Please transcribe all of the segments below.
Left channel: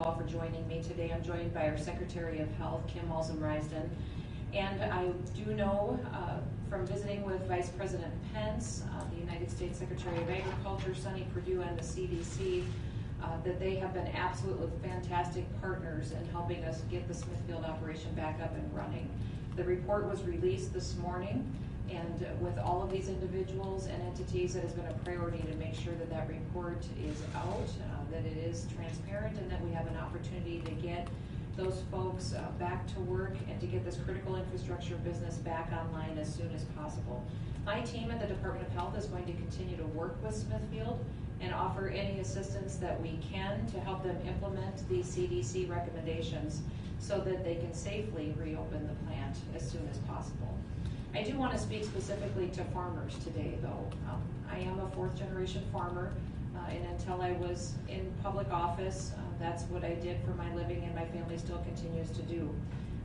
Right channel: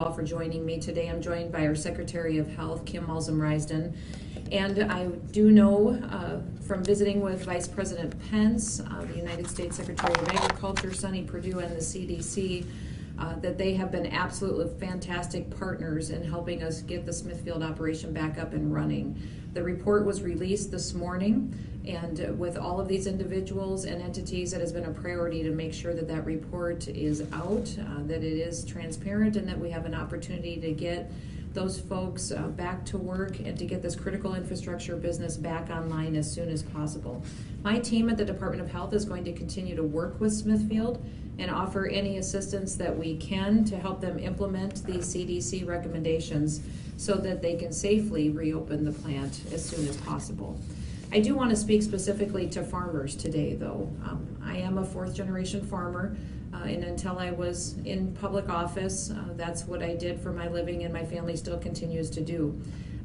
All for joining me today. I'm joined by our Secretary of Health, Kim Malzum-Risden. And I do know from visiting with Vice President Pence, the United States Secretary of Agriculture, Sonny Perdue, and the CDC, that they have been absolutely fantastic partners in helping us get the Smithfield operation back up and running. The report was released this morning, and with all of these individuals and entities, it has been a priority to make sure that that report is out, that it is transparent, and that we have an opportunity to get those folks back to work and to get this critical infrastructure business back online as soon as possible. My team at the Department of Health is going to continue to work with Smithfield and offer any assistance that we can to help them implement these CDC recommendations so that they can safely reopen the plant as soon as possible. I do want to speak specifically to farmers today, though. I am a fourth-generation farmer, and until I was in public office, that's what I did for my living, and my family still continues to do.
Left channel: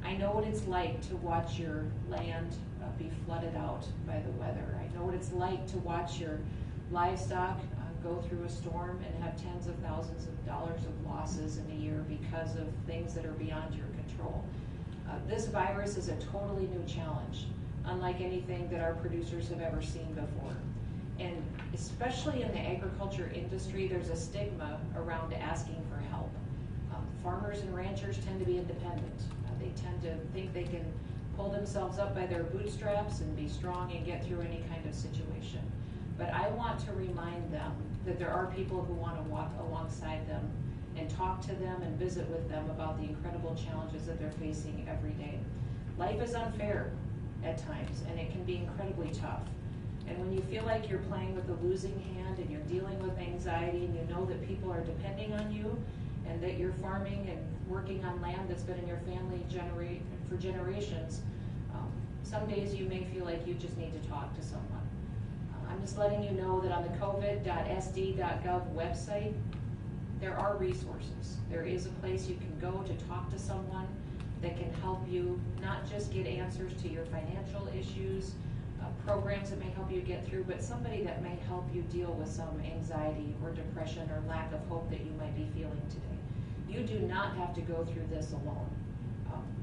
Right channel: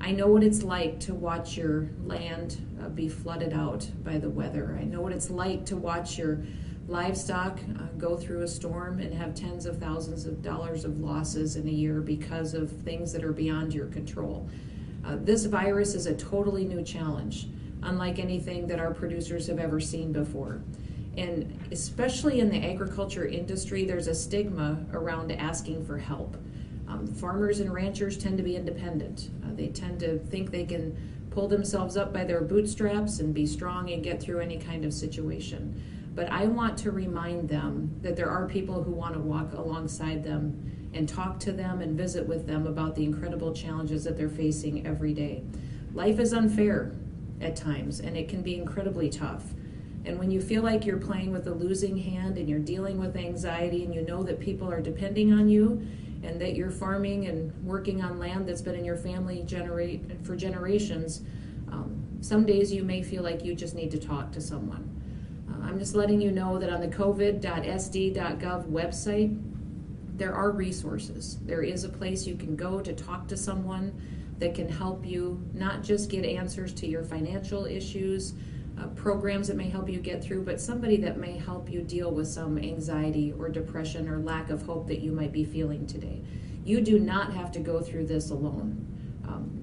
I know what it's like to watch your land be flooded out by the weather. I know what it's like to watch your livestock go through a storm and have tens of thousands of dollars of losses in a year because of things that are beyond your control. This virus is a totally new challenge, unlike anything that our producers have ever seen before. And especially in the agriculture industry, there's a stigma around asking for help. Farmers and ranchers tend to be independent. They tend to think they can pull themselves up by their bootstraps and be strong and get through any kind of situation. But I want to remind them that there are people who want to walk alongside them and talk to them and visit with them about the incredible challenges that they're facing every day. Life is unfair at times, and it can be incredibly tough. And when you feel like you're playing with a losing hand and you're dealing with anxiety and you know that people are depending on you and that you're farming and working on land that's been in your family for generations, some days you may feel like you just need to talk to someone. I'm just letting you know that on the covid.sd.gov website, there are resources. There is a place you can go to talk to someone that can help you not just get answers to your financial issues, programs that may help you get through, but somebody that may help you deal with some anxiety or depression or lack of hope that you might be feeling today. You do not have to go through this alone.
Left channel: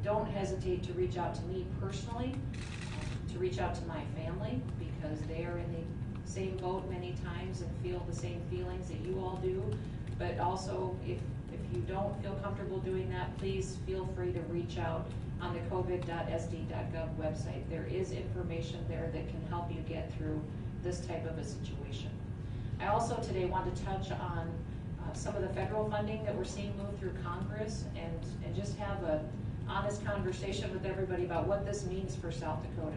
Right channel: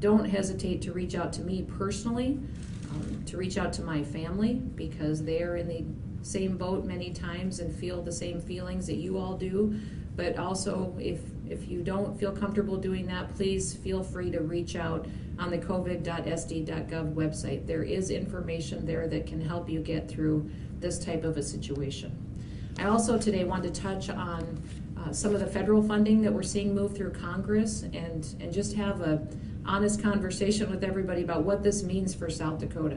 Don't hesitate to reach out to me personally, to reach out to my family, because they are in the same boat many times and feel the same feelings that you all do. But also, if you don't feel comfortable doing that, please feel free to reach out on the covid.sd.gov website. There is information there that can help you get through this type of a situation. I also today want to touch on some of the federal funding that we're seeing move through Congress and just have a honest conversation with everybody about what this means for South Dakota.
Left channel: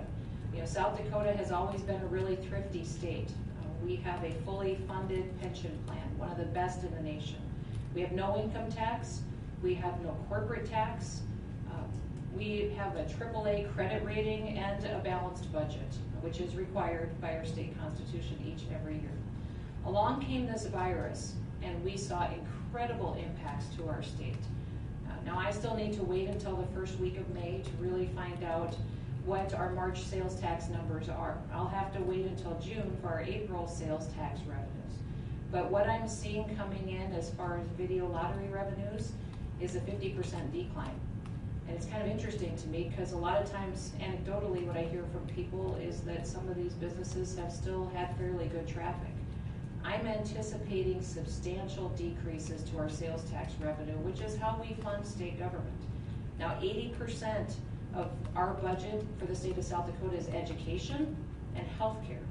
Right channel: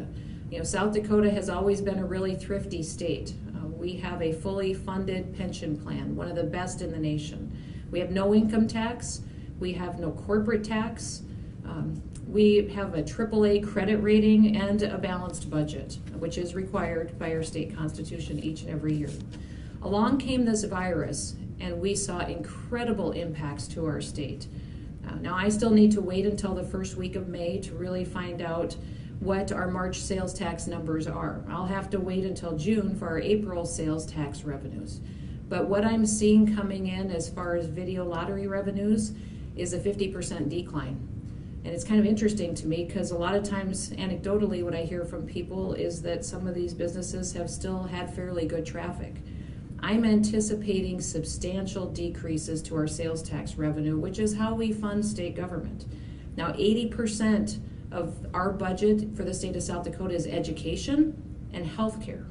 You know, South Dakota has always been a really thrifty state. We have a fully funded pension plan, one of the best in the nation. We have no income tax. We have no corporate tax. We have a AAA credit rating and a balanced budget, which is required by our state constitution each and every year. Along came this virus, and we saw incredible impacts to our state. Now, I still need to wait until the first week of May to really find out what our March sales tax numbers are. I'll have to wait until June for our April sales tax revenues. But what I'm seeing coming in as far as video lottery revenues is a 50% decline. And it's kind of interesting to me because a lot of times, anecdotally, what I hear from people is that some of these businesses have still had fairly good traffic. I'm anticipating substantial decreases to our sales tax revenue, which is how we fund state government. Now, 80% of our budget for the state of South Dakota is education and healthcare.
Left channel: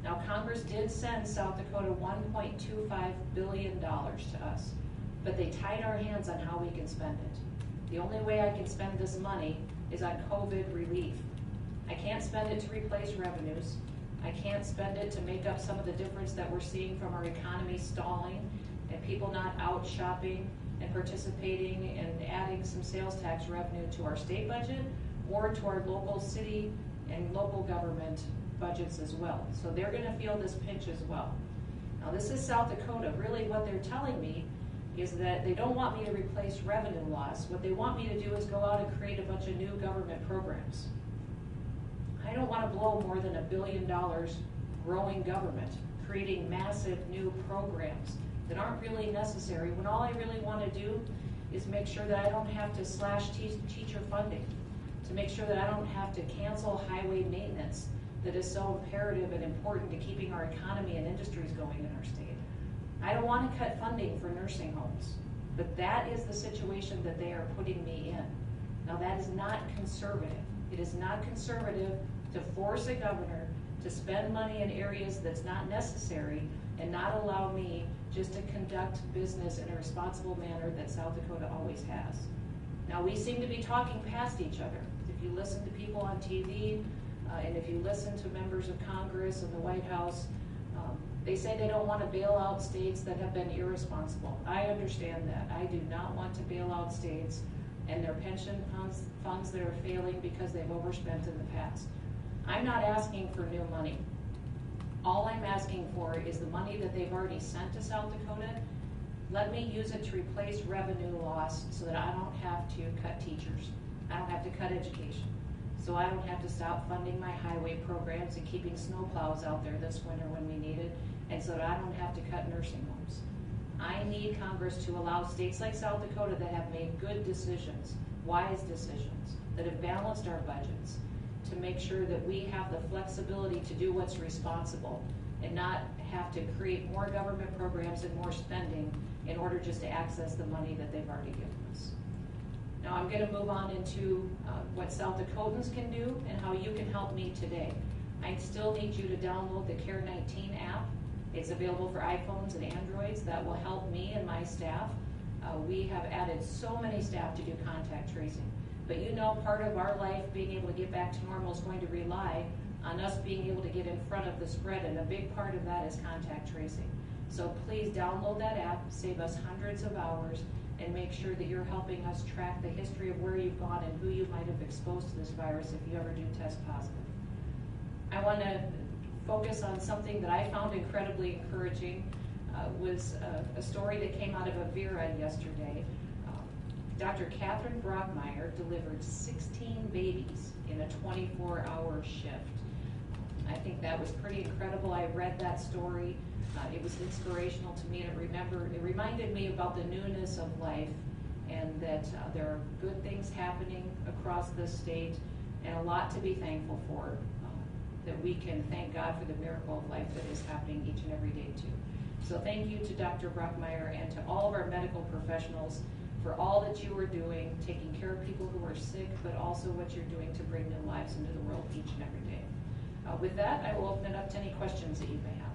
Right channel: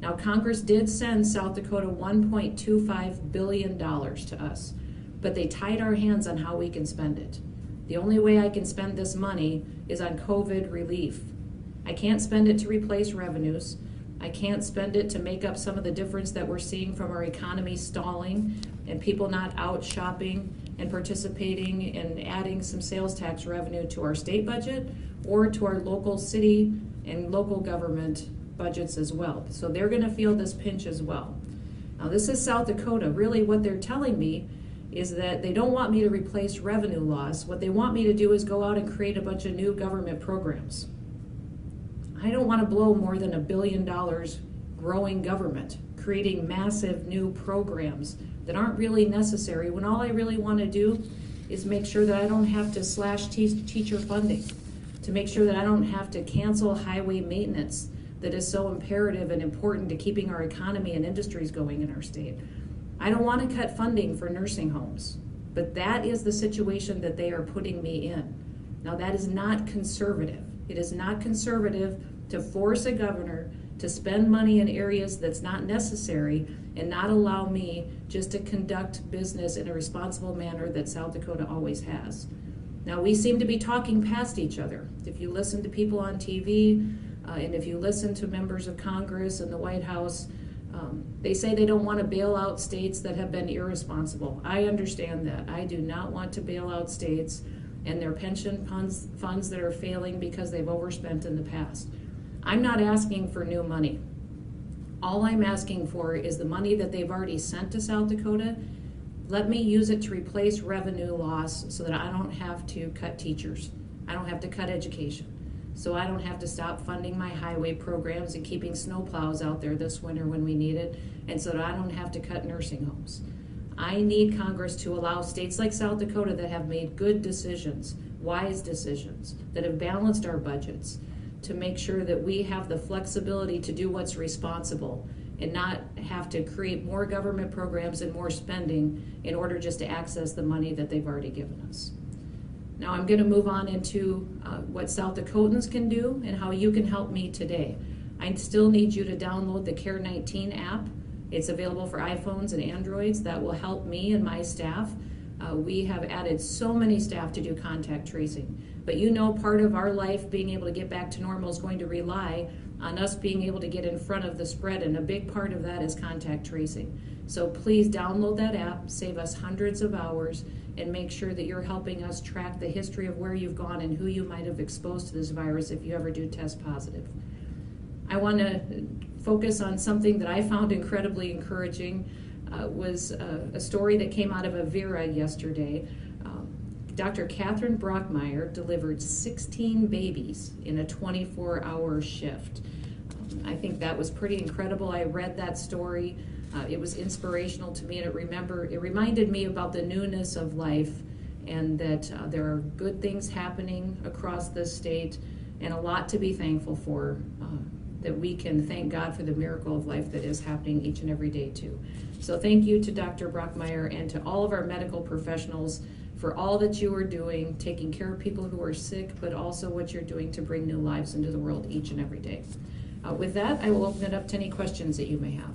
Now, Congress did send South Dakota $1.25 billion to us, but they tied our hands on how we can spend it. The only way I can spend this money is on COVID relief. I can't spend it to replace revenues. I can't spend it to make up some of the difference that we're seeing from our economy stalling and people not out shopping and participating and adding some sales tax revenue to our state budget or to our local city and local government budgets as well. So they're going to feel this pinch as well. Now, this is South Dakota. Really what they're telling me is that they don't want me to replace revenue loss. What they want me to do is go out and create a bunch of new government programs. I don't want to blow more than $1 billion growing government, creating massive new programs that aren't really necessary when all I really want to do is make sure that I don't have to slash teacher funding, to make sure that I don't have to cancel highway maintenance that is so imperative and important to keeping our economy and industries going in our state. I don't want to cut funding for nursing homes, but that is the situation that they are putting me in. Now, that is not conservative. It is not conservative to force a governor to spend money in areas that's not necessary and not allow me just to conduct business in a responsible manner that South Dakota always has. Now, we seem to be talking past each other. If you listen to people on TV, and if you listen to members of Congress and the White House, they say they don't want to bail out states that have been irresponsible. I understand that. I do not want to bail out states and their pension funds that are failing because they've overspent in the past. I'm not asking for new money. All I'm asking for is the money that they've already sent to South Dakota. Let me use it to replace revenue loss so that I don't have to cut teachers. I don't have to cut education. So I don't have to stop funding my highway programs and keeping snowplows out there this winter when we need it, and so that I don't have to cut nursing homes. I need Congress to allow states like South Dakota that have made good decisions, wise decisions, that have balanced our budgets, to make sure that we have the flexibility to do what's responsible and not have to create more government programs and more spending in order just to access the money that they've already given us. Now I'm going to move on into what South Dakotans can do and how you can help me today. I still need you to download the Care19 app. It's available for iPhones and Androids. That will help me and my staff. We have added so many staff to do contact tracing. But you know, part of our life being able to get back to normal is going to rely on us being able to get in front of the spread, and a big part of that is contact tracing. So please download that app, save us hundreds of hours, and make sure that you're helping us track the history of where you've gone and who you might have exposed to this virus if you ever do test positive. I want to focus on something that I found incredibly encouraging. Was a story that came out of Avera yesterday. Dr. Catherine Brockmeyer delivered 16 babies in a 24-hour shift. I think that was pretty incredible. I read that story. It was inspirational to me, and it reminded me about the newness of life, and that there are good things happening across this state and a lot to be thankful for, that we can thank God for the miracle of life that is happening each and every day too. So thank you to Dr. Brockmeyer and to all of our medical professionals for all that you are doing, taking care of people who are sick, but also what you're doing to bring new lives into the world each and every day. With that, I will open it up to any questions that you may have.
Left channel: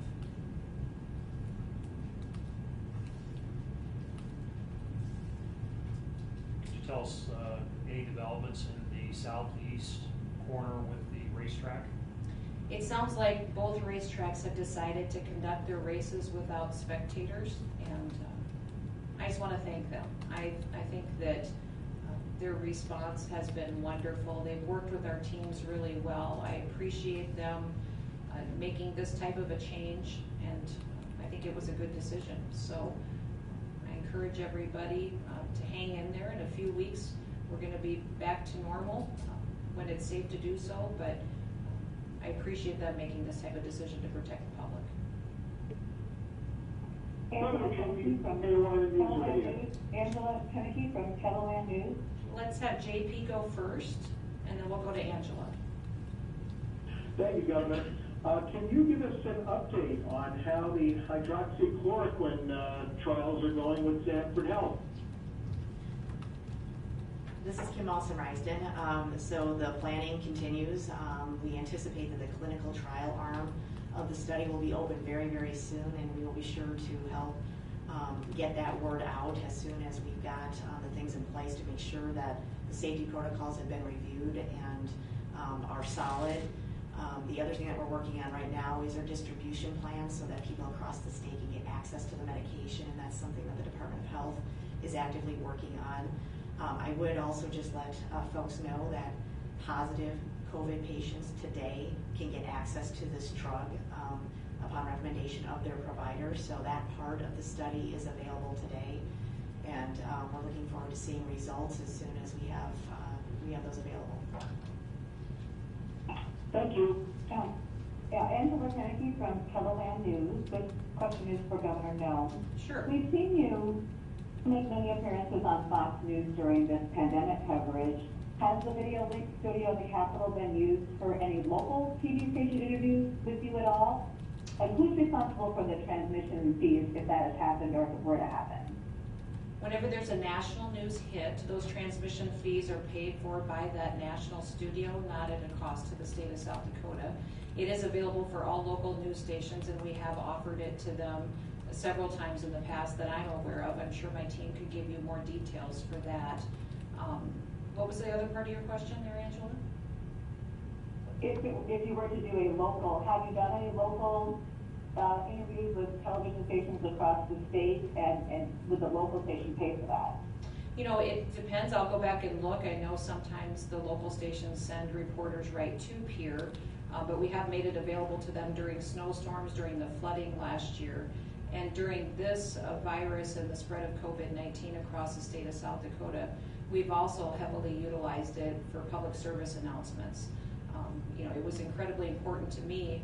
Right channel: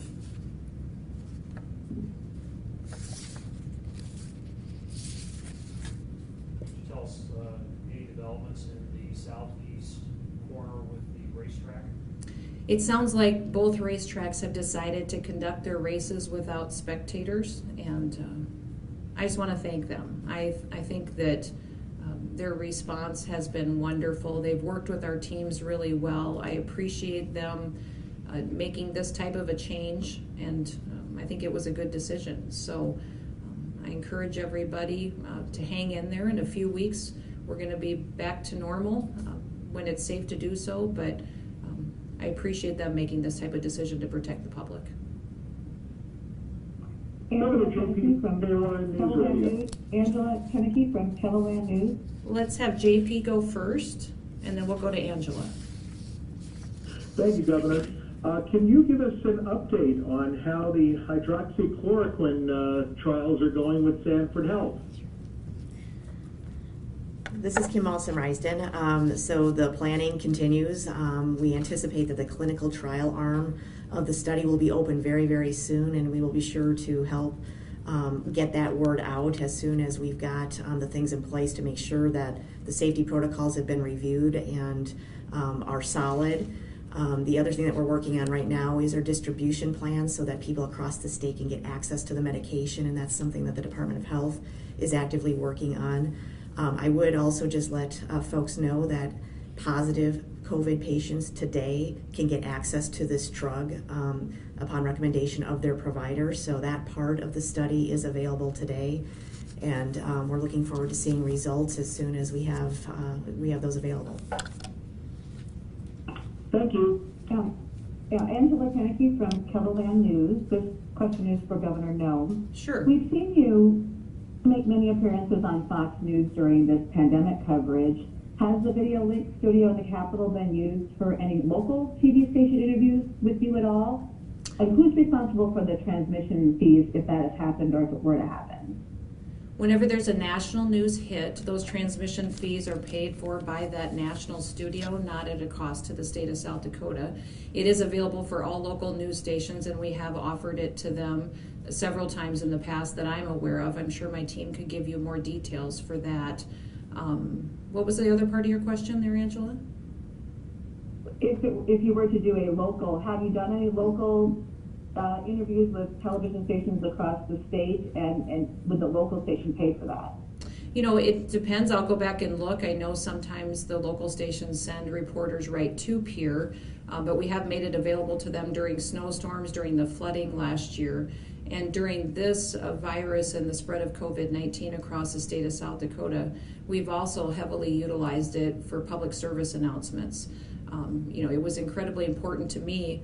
Could you tell us any developments in the southeast corner with the racetrack? It sounds like both racetracks have decided to conduct their races without spectators, and I just want to thank them. I think that their response has been wonderful. They've worked with our teams really well. I appreciate them making this type of a change, and I think it was a good decision. So I encourage everybody to hang in there. In a few weeks, we're going to be back to normal when it's safe to do so, but I appreciate them making this type of decision to protect the public. Angela Kennedy from Teleland News. Angela Kennedy from Teleland News. Let's have JP go first, and then we'll go to Angela. Thank you, Governor. Can you give us an update on how the hydroxychloroquine trials are going with Sanford Health? This is Kim Alson-Risden. So the planning continues. We anticipate that the clinical trial arm of the study will be open very, very soon, and we will be sure to help get that word out as soon as we've got the things in place to make sure that the safety protocols have been reviewed and are solid. The other thing that we're working on right now is our distribution plans so that people across the state can get access to the medication, and that's something that the Department of Health is actively working on. I would also just let folks know that positive COVID patients today can get access to this drug upon recommendation of their provider. So that part of the study is available today, and we're looking forward to seeing results as soon as we have those available. Thank you. Angela Kennedy from Teleland News. This question is for Governor Noem. Sure. We've seen you make many appearances on Fox News during this pandemic coverage. Has the video link studio in the Capitol been used for any local TV station interviews with you at all? And who's responsible for the transmission fees if that has happened or if it were to happen? Whenever there's a national news hit, those transmission fees are paid for by that national studio, not at a cost to the state of South Dakota. It is available for all local news stations, and we have offered it to them several times in the past that I'm aware of. I'm sure my team could give you more details for that. What was the other part of your question there, Angela? If you were to do a local, have you done any local interviews with television stations across the state, and would the local station pay for that? You know, it depends. I'll go back and look. I know sometimes the local stations send reporters right to Pier, but we have made it available to them during snowstorms, during the flooding last year, and during this virus and the spread of COVID-19 across the state of South Dakota. We've also heavily utilized it for public service announcements. You know, it was incredibly important to me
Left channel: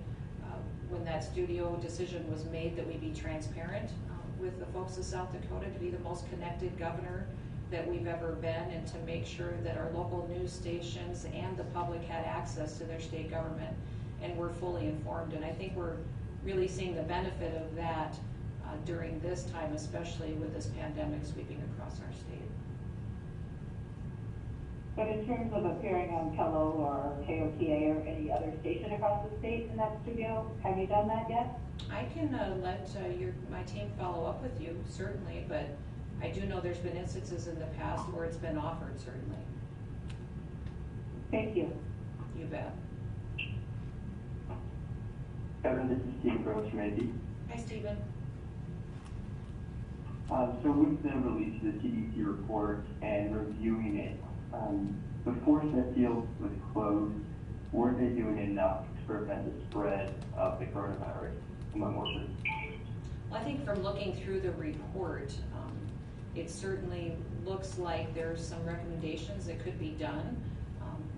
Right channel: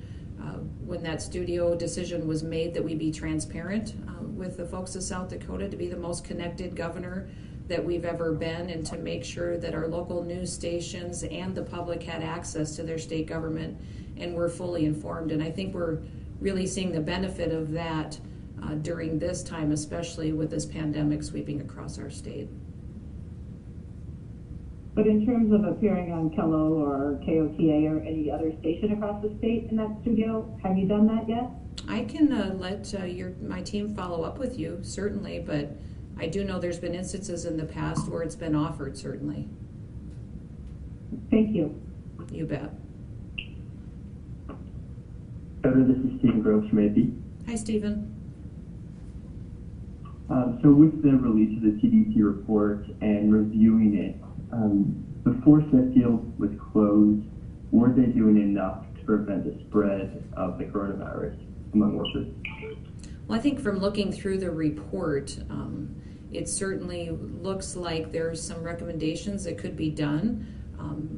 when that studio decision was made that we be transparent with the folks of South Dakota, to be the most connected governor that we've ever been, and to make sure that our local news stations and the public had access to their state government and were fully informed. And I think we're really seeing the benefit of that during this time, especially with this pandemic sweeping across our state. But in terms of appearing on Kello or KOTA or any other station across the state in that studio, have you done that yet? I can let my team follow up with you, certainly, but I do know there's been instances in the past where it's been offered, certainly. Thank you. You bet. Governor, this is Stephen Gross from AP. Hi, Stephen. So with the release of the CDC report and reviewing it, before Smithfield was closed, were they doing enough to prevent the spread of the coronavirus among workers? Well, I think from looking through the report, it certainly looks like there's some recommendations that could be done,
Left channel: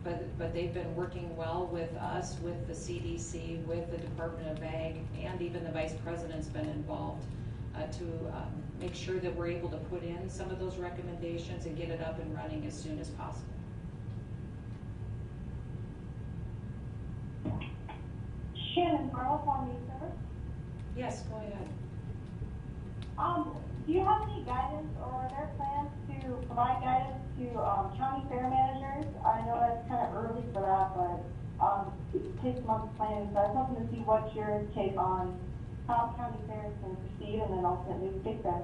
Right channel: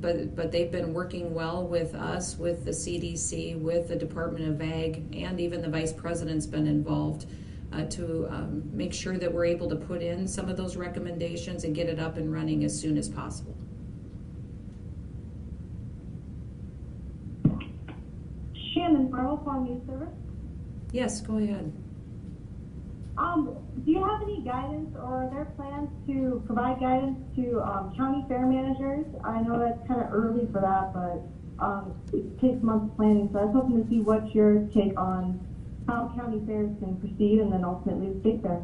but they've been working well with us, with the CDC, with the Department of Ag, and even the Vice President's been involved to make sure that we're able to put in some of those recommendations and get it up and running as soon as possible. Shannon Burrow, Farm News Service. Yes, go ahead. Do you have any guidance, or are there plans to provide guidance to county fair managers? I know that's kind of early for that, but it takes months planning. So I was hoping to see what's your take on how county fairs can proceed, and then ultimately state fair.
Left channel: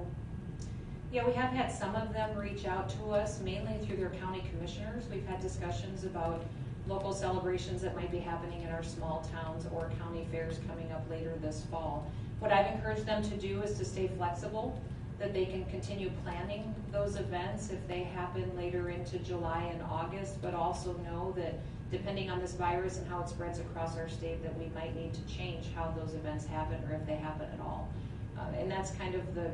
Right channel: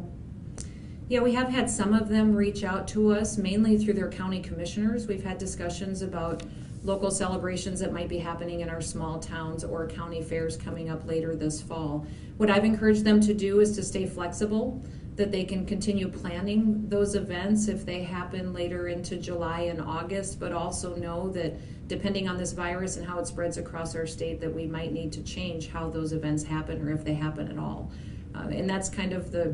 Yeah, we have had some of them reach out to us, mainly through their county commissioners. We've had discussions about local celebrations that might be happening in our small towns or county fairs coming up later this fall. What I've encouraged them to do is to stay flexible, that they can continue planning those events if they happen later into July and August, but also know that depending on this virus and how it spreads across our state, that we might need to change how those events happen, or if they happen at all. And that's kind of the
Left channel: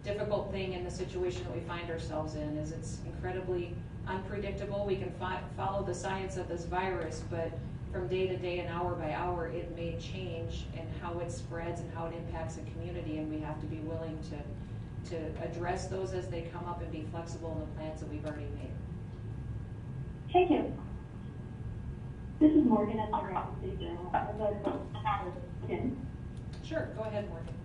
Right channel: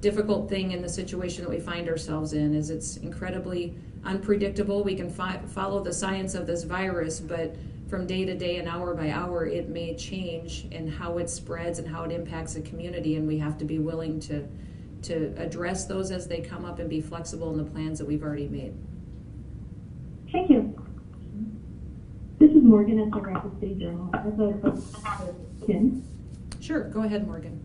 difficult thing in the situation that we find ourselves in, is it's incredibly unpredictable. We can follow the science of this virus, but from day to day and hour by hour, it may change in how it spreads and how it impacts the community, and we have to be willing to address those as they come up and be flexible in the plans that we've already made. Thank you. This is Morgan at the Rapid City Journal. I have a question for Kim. Sure, go ahead, Morgan.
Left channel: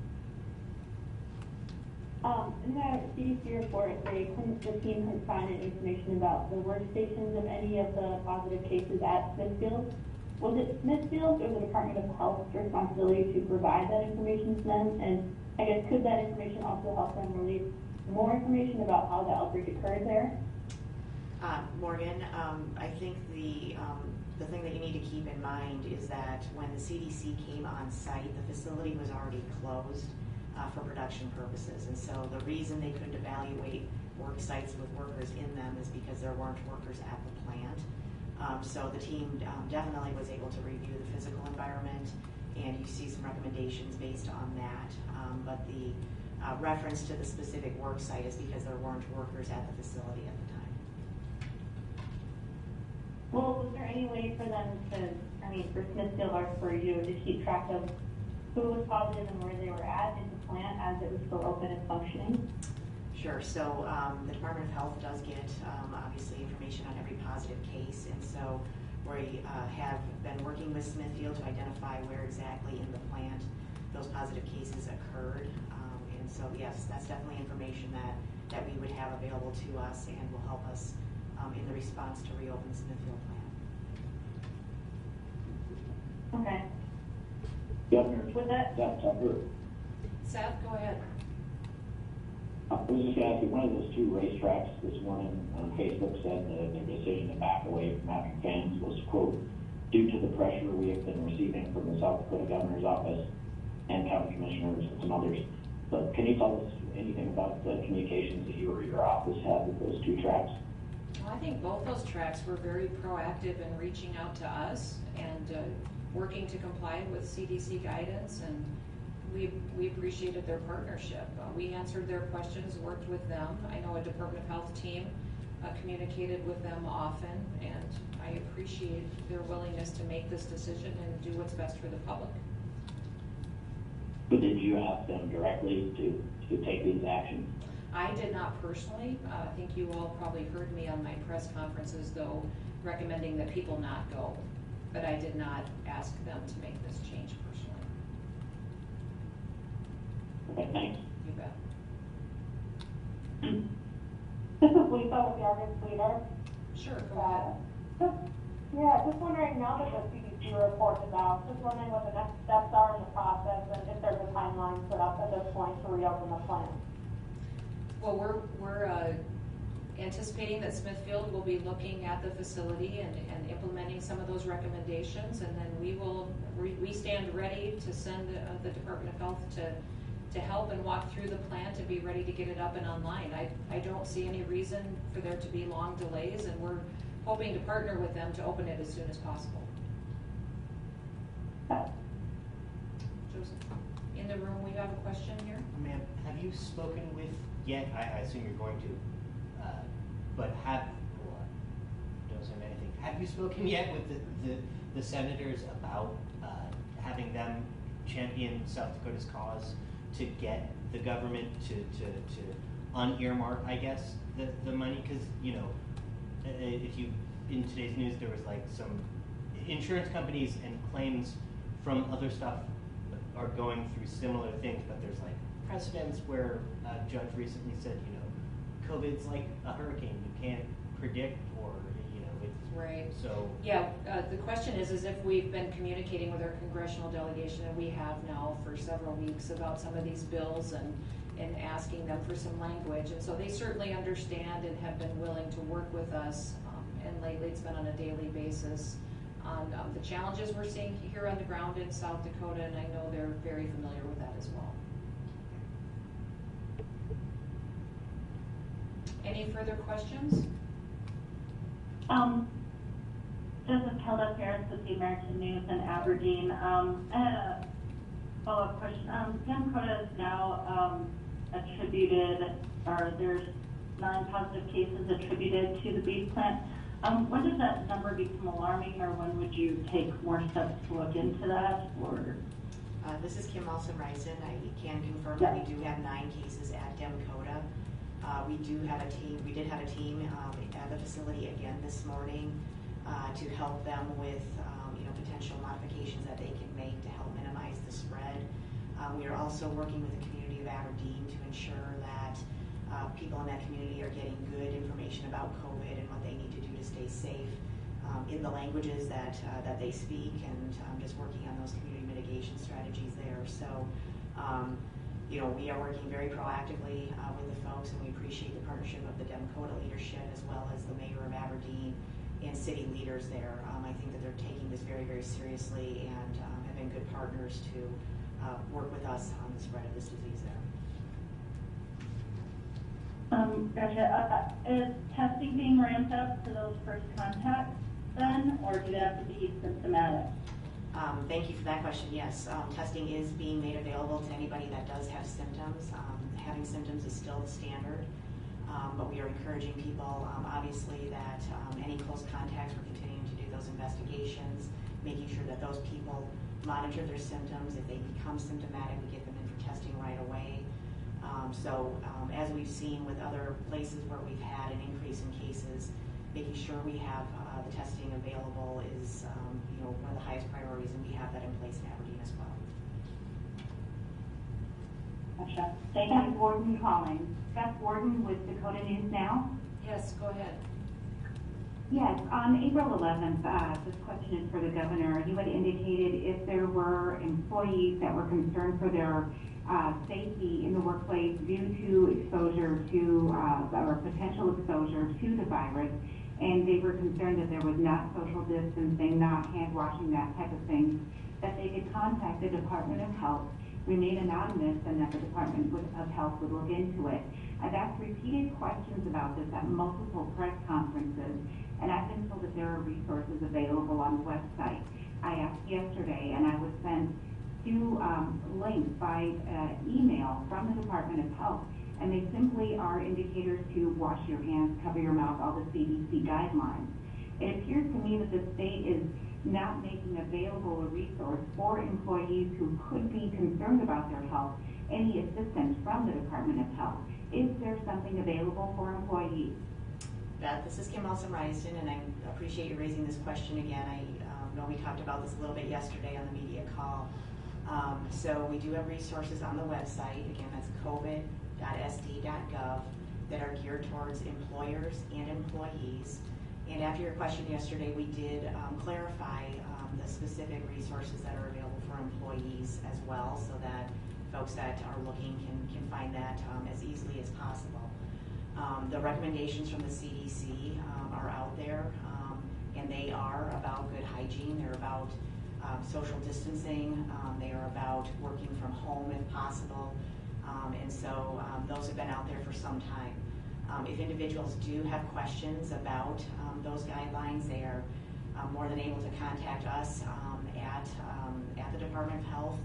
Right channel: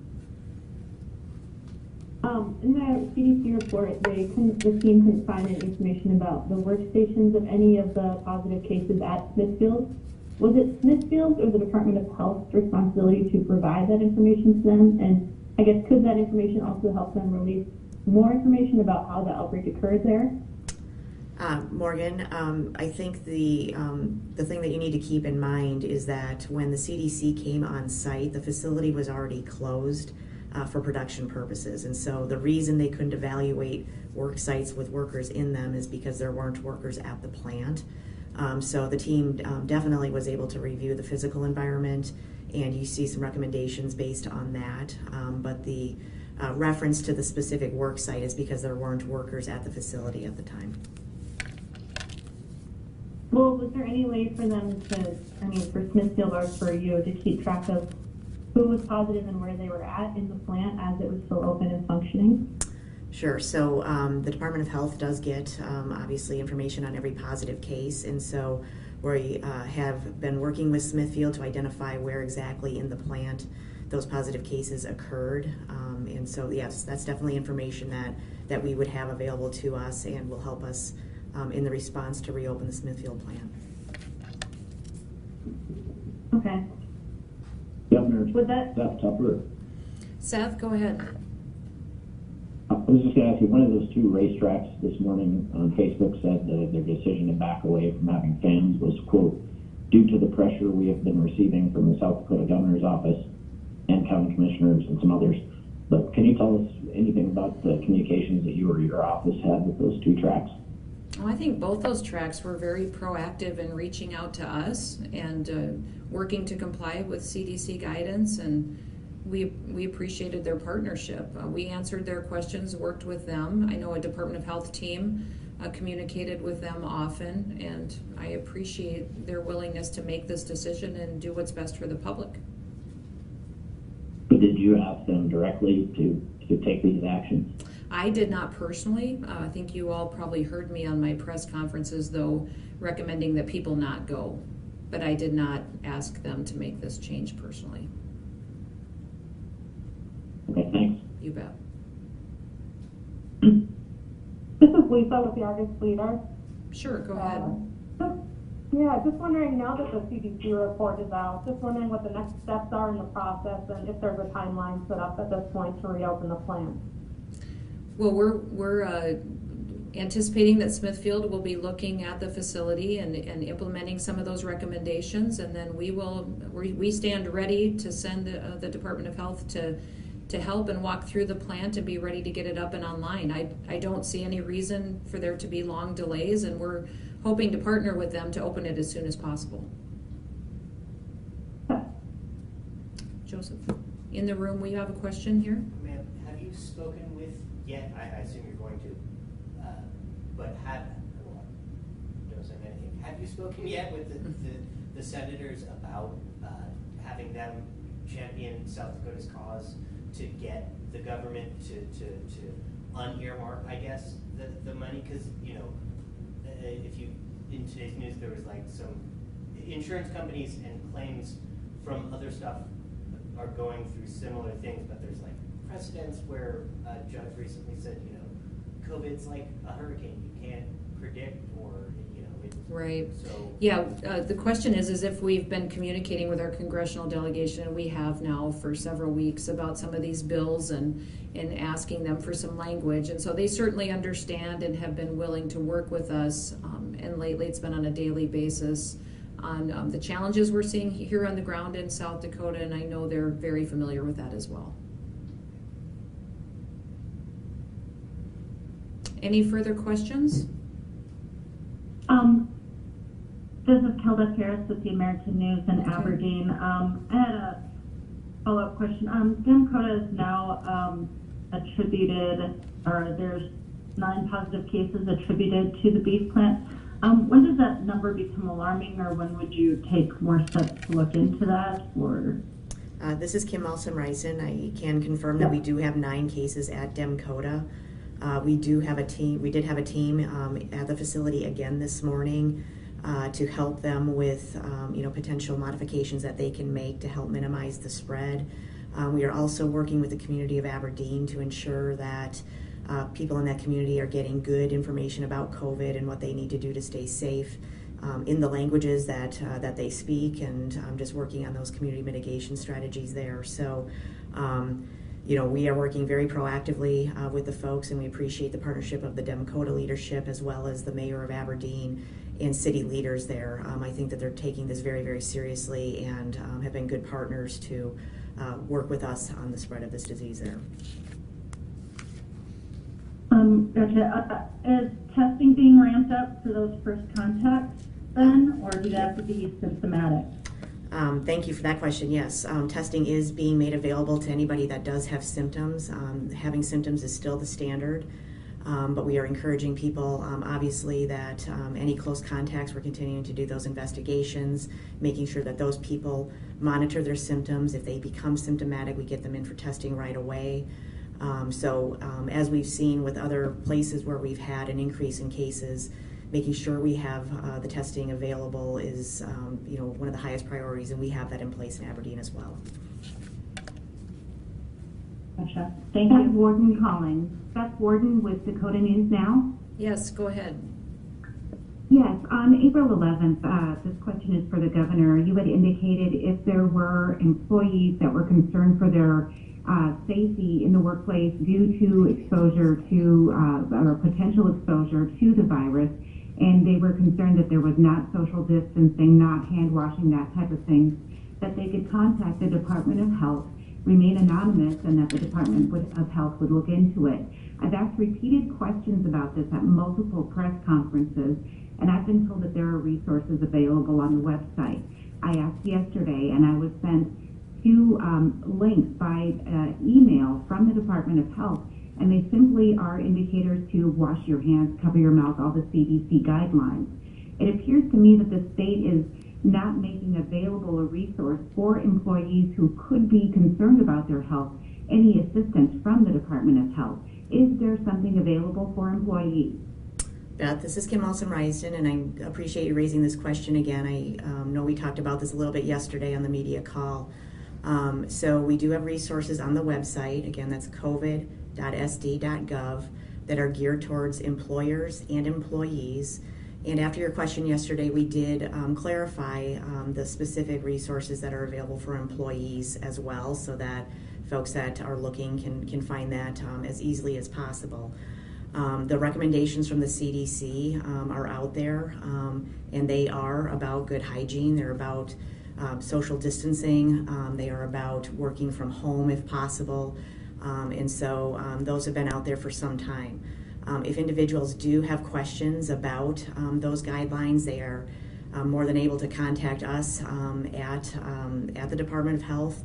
In the CDC report, the team couldn't find any information about the workstations of any of the positive cases at Smithfield. Was it Smithfield or the Department of Health's responsibility to provide that information to them? And I guess, could that information also help them release more information about how the outbreak occurred there? Morgan, I think the thing that you need to keep in mind is that when the CDC came on site, the facility was already closed for production purposes. And so the reason they couldn't evaluate work sites with workers in them is because there weren't workers at the plant. So the team definitely was able to review the physical environment, and you see some recommendations based on that. But the reference to the specific work site is because there weren't workers at the facility at the time. Well, was there any way for them to, for Smithfield or for you, to keep track of who was positive and where they were at in the plant as it was still open and functioning? Sure. So the Department of Health does get obviously information on every positive case, and so we have been working with Smithfield to identify where exactly in the plant those positive cases occurred. And so yes, that's definitely information that we would have available to us and will help us in the response to reopen the Smithfield plant. Okay. Governor, Would that, Seth Tupper. Seth, go ahead. I was just going to ask you, one of those two racetracks this morning on Facebook said that their decision to back away from having fans was, quote, due to the pressure we have been receiving from the South Dakota Governor's Office and county commissioners and some others. But can you tell us anything about the communications that you or your office had with those two tracks? Well, I think both those tracks were very proactive in reaching out to us and working to comply with CDC guidance, and we appreciated their partnership. We answered their questions, worked with them. I know a Department of Health team communicated with them often, and I appreciate their willingness to make this decision and do what's best for the public. But did you ask them directly to take these actions? I did not personally. I think you all probably heard me on my press conferences, though, recommending that people not go. But I did not ask them to make this change personally. Okay, thanks. You bet. This is Lisa with the Argus Leader. Sure, go ahead. Just wondering, now that the CDC report is out, just wondering what the next steps are in the process and if there's a timeline set up at this point to reopen the plant. Well, we're anticipating that Smithfield will be looking at the facility and implementing some of those recommendations, and then we stand ready to send the Department of Health to help and walk through the plant and be ready to get it up and online. I don't see any reason for there to be long delays, and we're hoping to partner with them to open it as soon as possible. Joseph, in the room, we have a question here. Ma'am, have you spoken with yet? I assume you're going to, but don't say anything. Have you spoken yet with the senators about having them champion South Dakota's cause to get the government to unearmark, I guess, the money? Because, you know, if you, in today's news, there was like some insurance companies and claims from other stuff are going through similar things, but there's like precedents where a judge recently said, you know, COVID's like a hurricane, you can't predict, or, you know, it's Right. so. Yeah, the question is if we've been communicating with our congressional delegation, and we have now for several weeks, about some of these bills and asking them for some language. And so they certainly understand and have been willing to work with us. And lately it's been on a daily basis on the challenges we're seeing here on the ground in South Dakota, and I know they're very familiar with that as well. Any further questions? This is Kelda Harris with the American News in Aberdeen. I had a follow-up question. Demcota is now attributed, or there's 9 positive cases attributed to the beef plant. When does that number become alarming, or when would you take more steps to look into that? Or This is Kim Malson-Reisen. I can confirm that we do have 9 cases at Demcota. We did have a team at the facility again this morning to help them with potential modifications that they can make to help minimize the spread. We are also working with the community of Aberdeen to ensure that people in that community are getting good information about COVID and what they need to do to stay safe in the languages that they speak, and just working on those community mitigation strategies there. So we are working very proactively with the folks, and we appreciate the partnership of the Demcota leadership as well as the mayor of Aberdeen and city leaders there. I think that they're taking this very, very seriously and have been good partners to work with us on the spread of this disease there. Gotcha. Is testing being ramped up for those first contacts then, or do they have to be symptomatic? Thank you for that question. Yes, testing is being made available to anybody that does have symptoms. Having symptoms is still the standard, but we are encouraging people, obviously, that any close contacts, we're continuing to do those investigations, making sure that those people monitor their symptoms. If they become symptomatic, we get them in for testing right away. As we've seen with other places where we've had an increase in cases, making sure we have the testing available is one of the highest priorities, and we have that in place in Aberdeen as well. Gotcha. Thank you. Warden Collins. Beth Warden with Dakota News Now. Yes, go ahead. Yes, on April 11th, this question is for the governor. You had indicated if there were employees that were concerned for their safety in the workplace due to exposure to or potential exposure to the virus, and they were concerned that there was not social distancing, not hand washing, that type of thing, that they could contact the Department of Health, remain anonymous, and that the Department of Health would look into it. I've asked repeated questions about this at multiple press conferences, and I've been told that there are resources available on the website. I asked yesterday, and I was sent 2 links by email from the Department of Health, and they simply are indicators to wash your hands, cover your mouth, all the CDC guidelines. It appears to me that the state is not making available a resource for employees who could be concerned about their health, any assistance from the Department of Health. Is there something available for employees? Beth, this is Kim Olson-Risden, and I appreciate you raising this question again. I know we talked about this a little bit yesterday on the media call. So we do have resources on the website. Again, that's covid.sd.gov that are geared towards employers and employees. And after your question yesterday, we did clarify the specific resources that are available for employees as well, so that folks that are looking can find that as easily as possible. The recommendations from the CDC are out there, and they are about good hygiene. They're about social distancing. They are about working from home if possible. And so those have been out there for some time. If individuals do have questions about those guidelines, they are more than able to contact us at the Department of Health.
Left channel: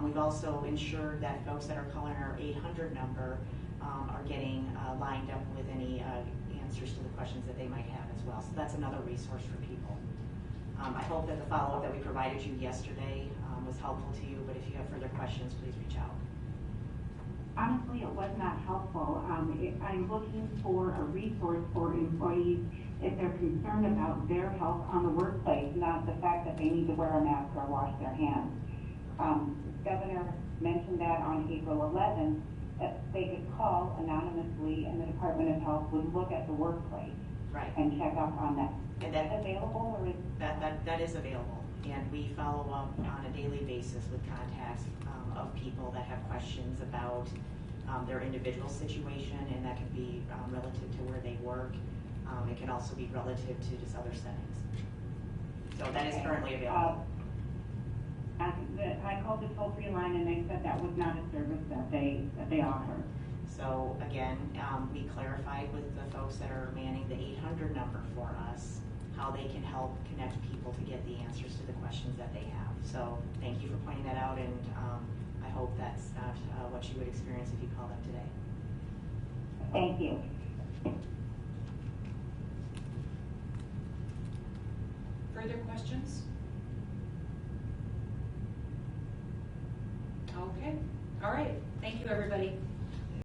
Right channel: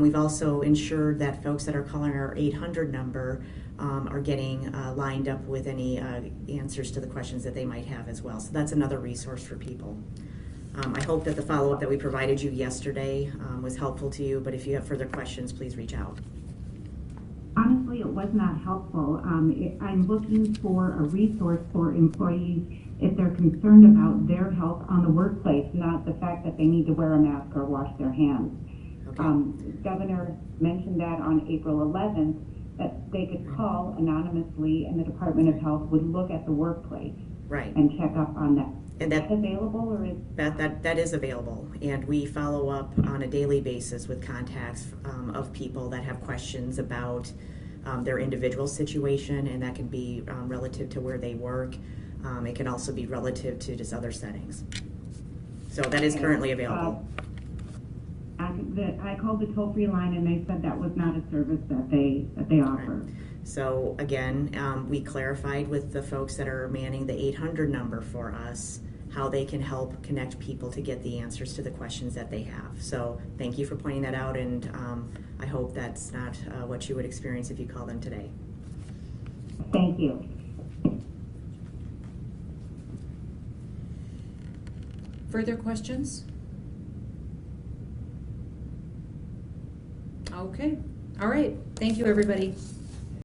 We've also ensured that folks that are calling our 800 number are getting lined up with any answers to the questions that they might have as well. So that's another resource for people. I hope that the follow-up that we provided you yesterday was helpful to you, but if you have further questions, please reach out. Honestly, it was not helpful. I'm looking for a resource for employees if they're concerned about their health on the workplace, not the fact that they need to wear a mask or wash their hands. Okay. Governor mentioned that on April 11th, that they could call anonymously and the Department of Health would look at the workplace Right. and check up on that. And that's available, or is that is available, and we follow up on a daily basis with contacts of people that have questions about their individual situation, and that can be relative to where they work. It can also be relative to just other settings. So that is currently available. I called the toll-free line and they said that was not a service that they offer. So again, we clarified with the folks that are manning the 800 number for us how they can help connect people to get the answers to the questions that they have. So thank you for pointing that out, and I hope that's not what you would experience if you call them today. Thank you. Further questions? Okay. All right. Thank you, everybody.